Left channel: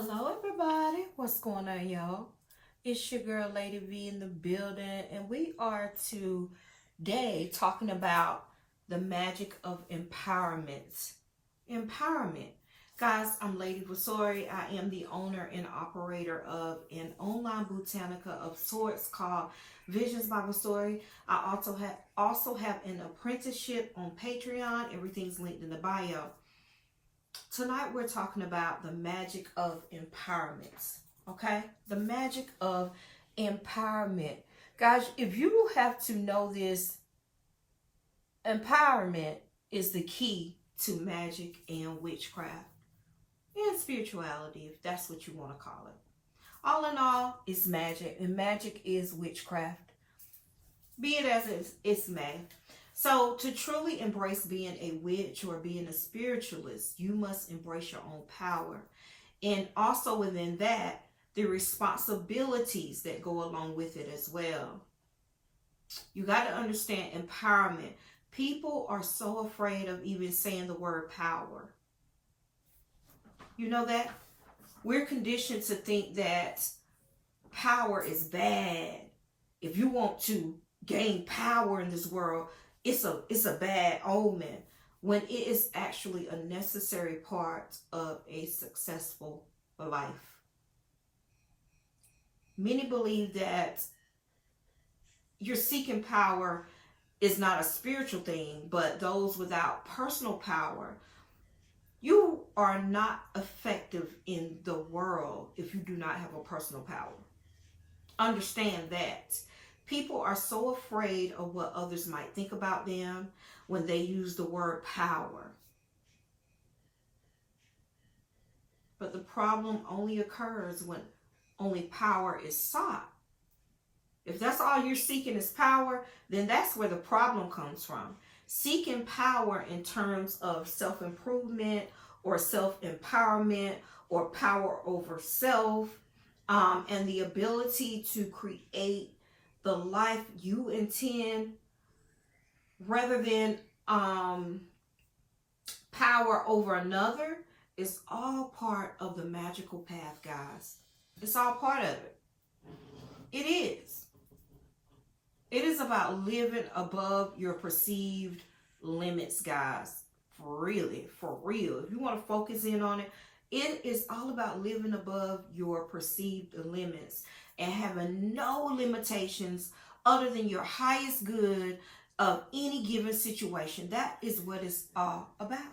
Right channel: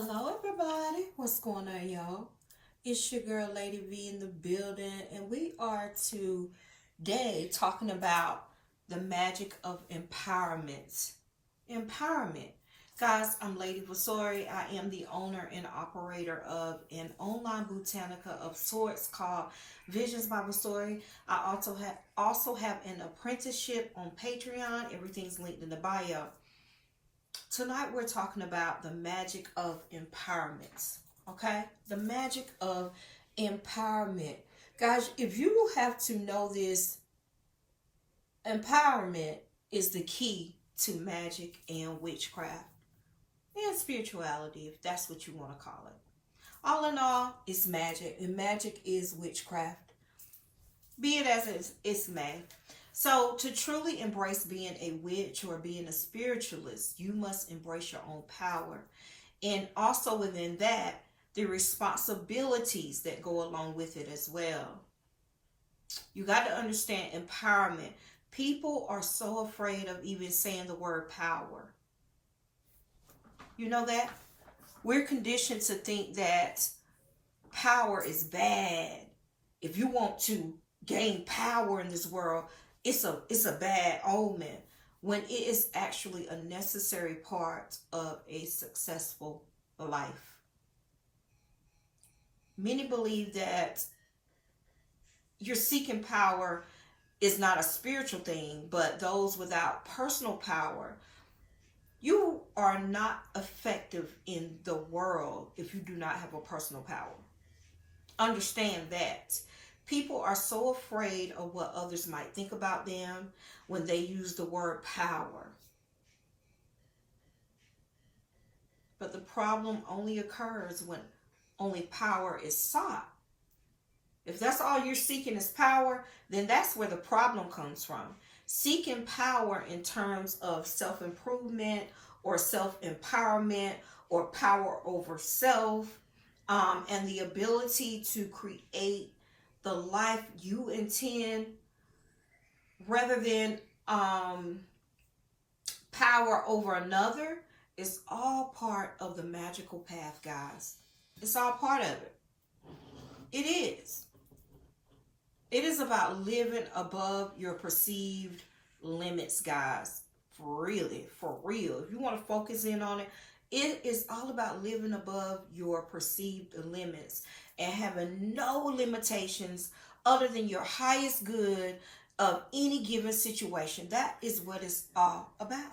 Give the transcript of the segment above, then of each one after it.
Hello, everybody. What's going on, y'all? It's your girl, Lady V, in the building, and we are today talking about the magic of empowerment. Empowerment. Guys, I'm Lady Vasori. I am the owner and operator of an online Botanica of sorts called Visions by Vasori. I also have an apprenticeship on Patreon. Everything's linked in the bio. Tonight we're talking about the magic of empowerment. Okay? The magic of empowerment. Guys, if you have to know this, empowerment is the key to magic and witchcraft and spirituality, if that's what you want to call it. All in all, it's magic, and magic is witchcraft. Be it as it's may. So, to truly embrace being a witch or being a spiritualist, you must embrace your own power. And also within that, the responsibilities that go along with it as well. You got to understand empowerment. People are so afraid of even saying the word power. You know that? We're conditioned to think that power is bad. If you want to gain power in this world, it's a bad omen, when it is actually a necessary part of a successful life. Many believe that you're seeking power is not a spiritual thing, but those without personal power, you are not effective in the world if you do not have a personal power. Understand that. People are so afraid of what others might think about them when they use the word power. But the problem only occurs when only power is sought. If that's all you're seeking is power, then that's where the problem comes from. Seeking power in terms of self-improvement or self-empowerment or power over self, and the ability to create the life you intend, rather than power over another, is all part of the magical path, guys. It's all part of it. It is. It is about living above your perceived limits, guys. For real. If you want to focus in on it, it is all about living above your perceived limits and having no limitations other than your highest good of any given situation. That is what it's all about.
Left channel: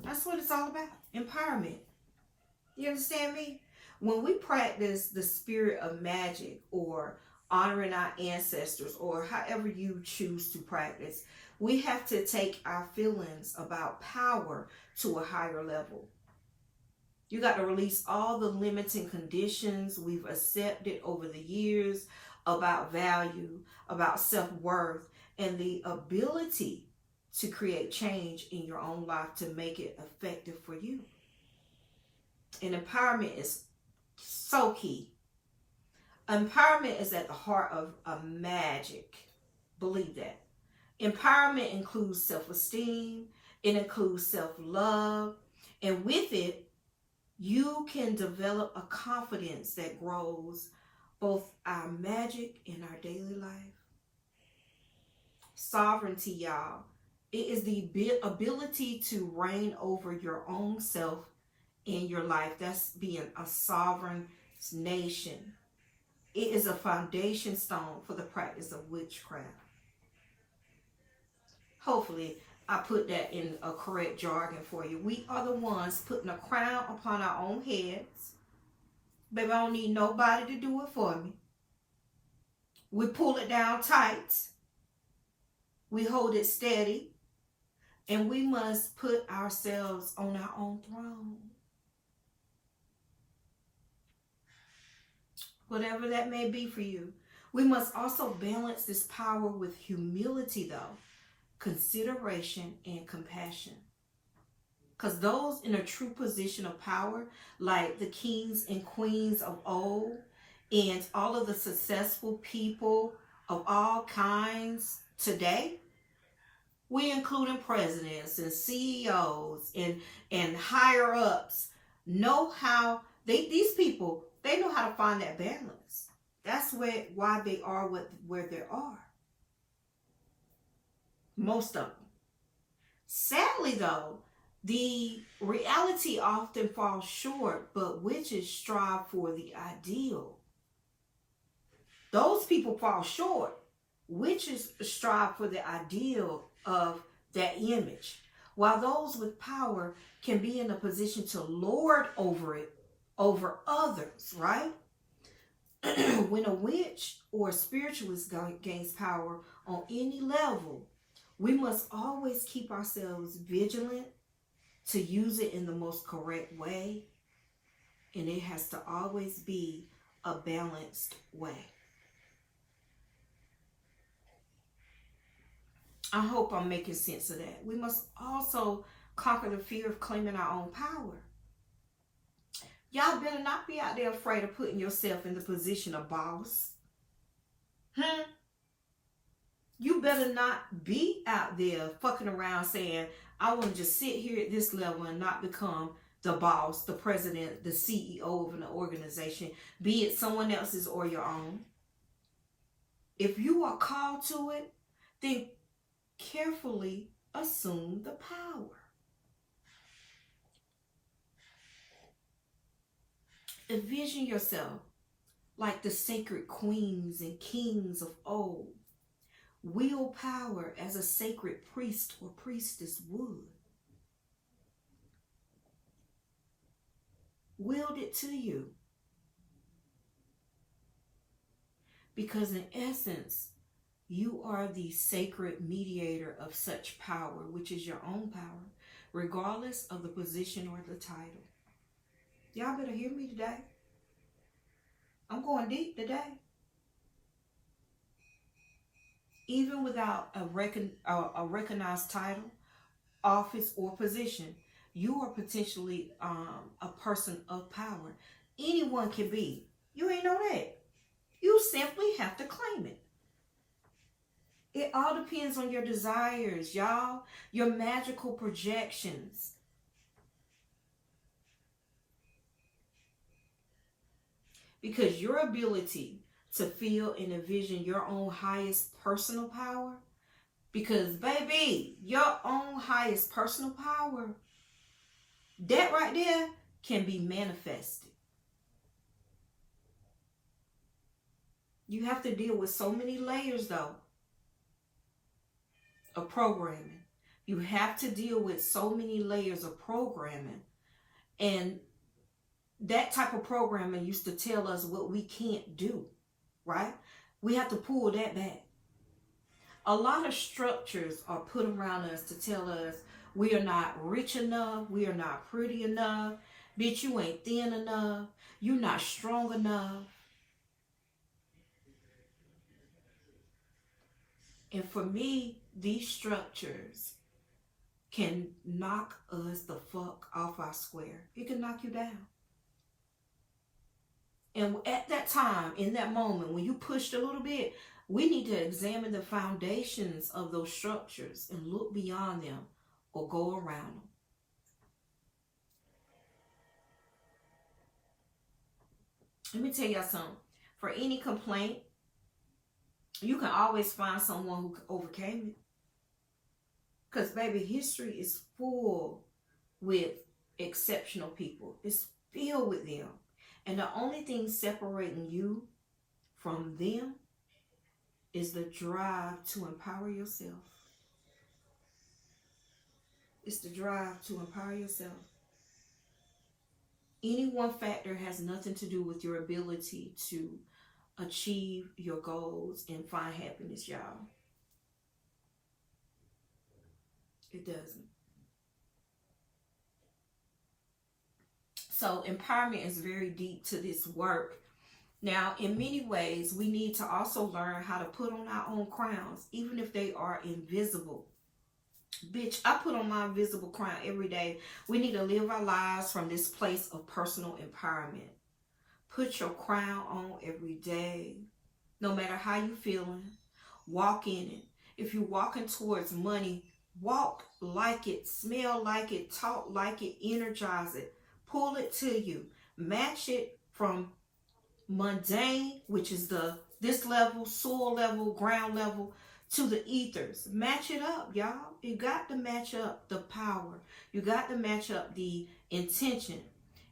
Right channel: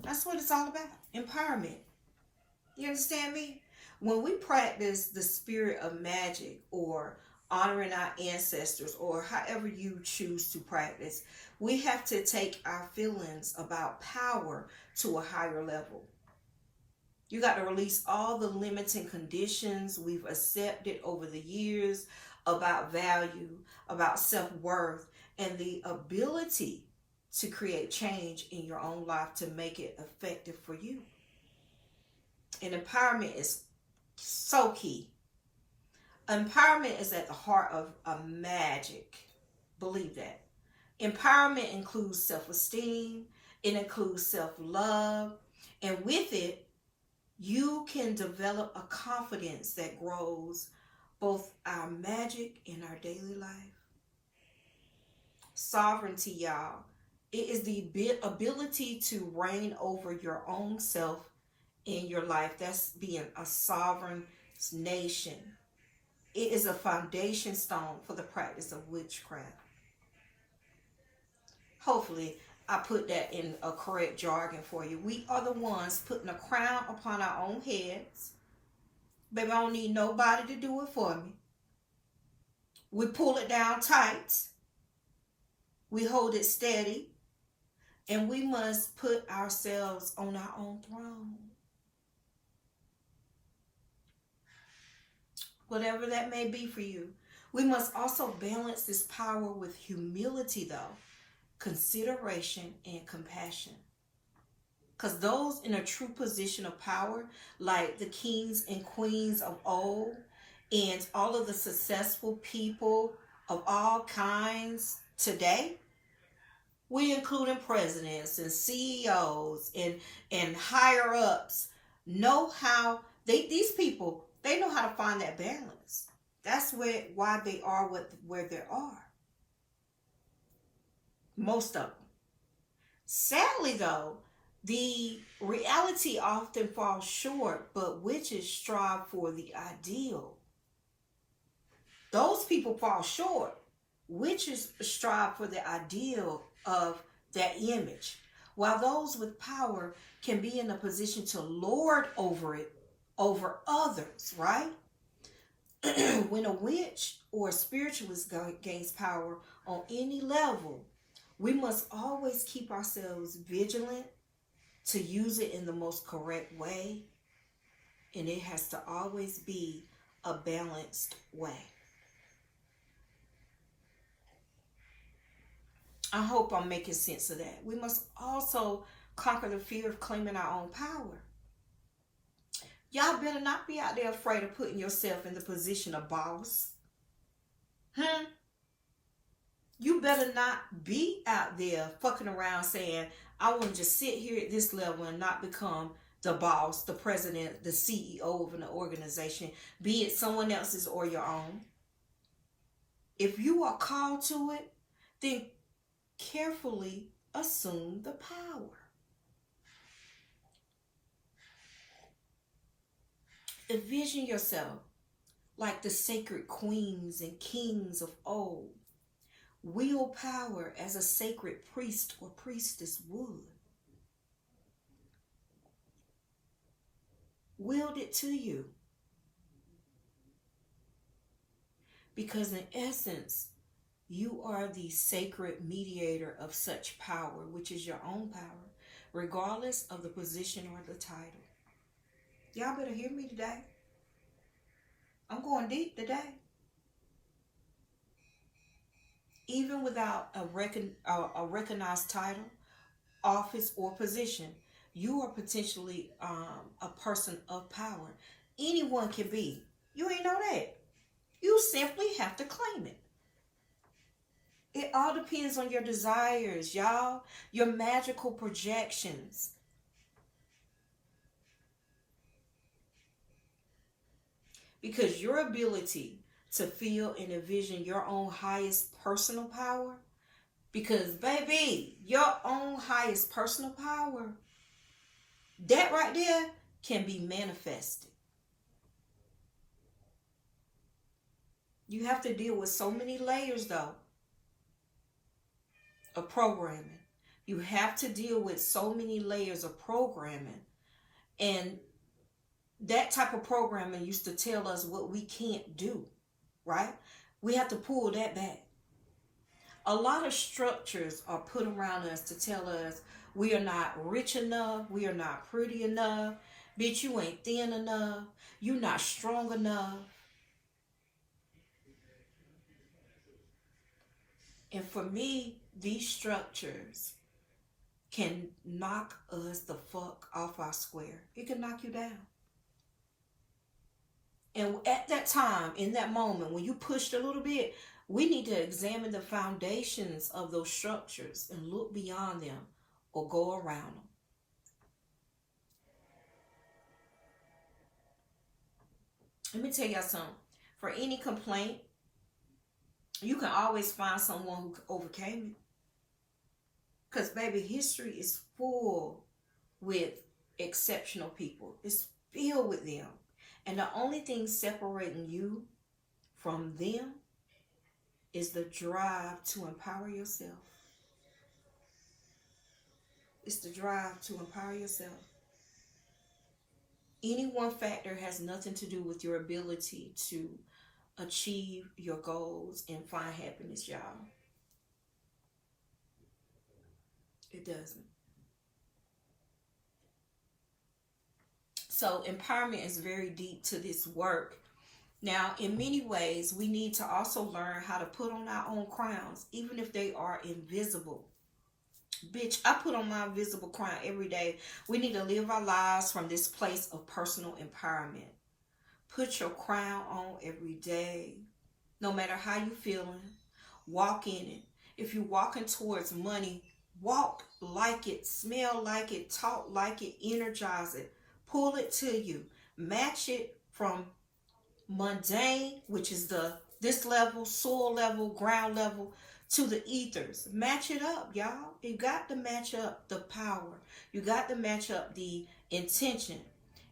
That's what it's all about. Empowerment. You understand me? When we practice the spirit of magic, or honoring our ancestors, or however you choose to practice, we have to take our feelings about power to a higher level. You got to release all the limiting conditions we've accepted over the years about value, about self-worth, and the ability to create change in your own life to make it effective for you. And empowerment is so key. Empowerment is at the heart of a magic. Believe that. Empowerment includes self-esteem. It includes self-love. And with it, you can develop a confidence that grows both our magic and our daily life. Sovereignty, y'all. It is the ability to reign over your own self in your life. That's being a sovereign nation. It is a foundation stone for the practice of witchcraft. Hopefully, I put that in a correct jargon for you. We are the ones putting a crown upon our own heads. Baby, I don't need nobody to do it for me. We pull it down tight. We hold it steady. And we must put ourselves on our own throne. Whatever that may be for you. We must also balance this power with humility, though. Consideration and compassion. Because those in a true position of power, like the kings and queens of old, and all of the successful people of all kinds today, we including presidents and CEOs and higher ups, know how These people, they know how to find that balance. That's why they are where they are. Most of them. Sadly, though, the reality often falls short, but witches strive for the ideal. Those people fall short. Witches strive for the ideal of that image, while those with power can be in a position to lord over it, over others, right? When a witch or a spiritualist gains power on any level, we must always keep ourselves vigilant to use it in the most correct way, and it has to always be a balanced way. I hope I'm making sense of that. We must also conquer the fear of claiming our own power. Y'all better not be out there afraid of putting yourself in the position of boss. You better not be out there fucking around saying, I want to just sit here at this level and not become the boss, the president, the CEO of an organization, be it someone else's or your own. If you are called to it, then carefully assume the power. Envision yourself like the sacred queens and kings of old. Wield power as a sacred priest or priestess would. Wield it to you. Because in essence, you are the sacred mediator of such power, which is your own power, regardless of the position or the title. Y'all better hear me today. I'm going deep today. Even without a recognized title, office, or position, you are potentially a person of power. Anyone can be. You ain't know that. You simply have to claim it. It all depends on your desires, y'all. Your magical projections. Because your ability to feel and envision your own highest personal power, because baby, your own highest personal power, that right there can be manifested. You have to deal with so many layers though of programming. You have to deal with so many layers of programming. And that type of programming used to tell us what we can't do, right? We have to pull that back. A lot of structures are put around us to tell us we are not rich enough, we are not pretty enough, bitch, you ain't thin enough, you're not strong enough. And for me, these structures can knock us the fuck off our square. It can knock you down. And at that time, in that moment, when you pushed a little bit, we need to examine the foundations of those structures and look beyond them or go around them. Let me tell y'all something. For any complaint, you can always find someone who overcame it. Because, baby, history is full with exceptional people. It's filled with them. And the only thing separating you from them is the drive to empower yourself. It's the drive to empower yourself. Any one factor has nothing to do with your ability to achieve your goals and find happiness, y'all. It doesn't. So empowerment is very deep to this work. Now, in many ways, we need to also learn how to put on our own crowns, even if they are invisible. Bitch, I put on my invisible crown every day. We need to live our lives from this place of personal empowerment. Put your crown on every day. No matter how you feeling, walk in it. If you're walking towards money, walk like it, smell like it, talk like it, energize it. Pull it to you. Match it from mundane, which is this level, soil level, ground level, to the ethers. Match it up, y'all. You got to match up the power. You got to match up the intention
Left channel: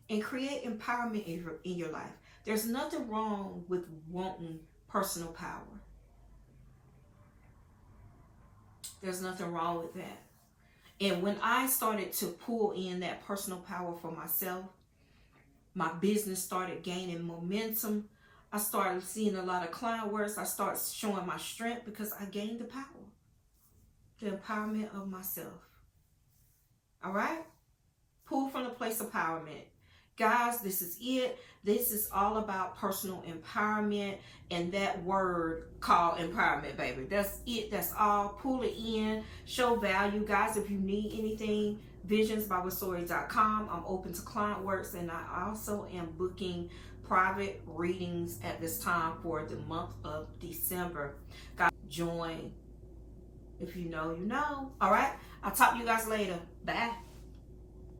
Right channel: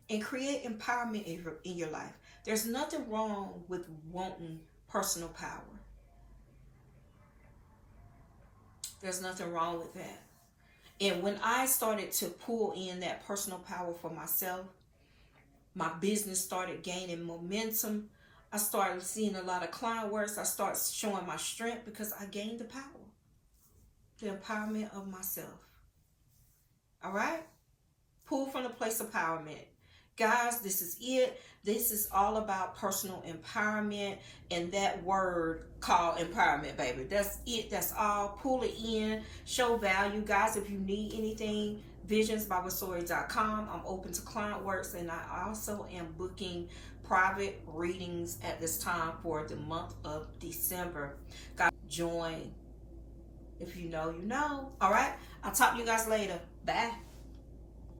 and create empowerment in your life. There's nothing wrong with wanting personal power. There's nothing wrong with that. And when I started to pull in that personal power for myself, my business started gaining momentum. I started seeing a lot of client works. I started showing my strength because I gained the power, the empowerment of myself. All right? Pull from the place of empowerment. Guys, this is it. This is all about personal empowerment and that word called empowerment, baby. That's it. That's all. Pull it in. Show value. Guys, if you need anything, visionsbywasori.com. I'm open to client works, and I also am booking private readings at this time for the month of December. Guys, join. If you know, you know. All right? I'll talk to you guys later. Bye.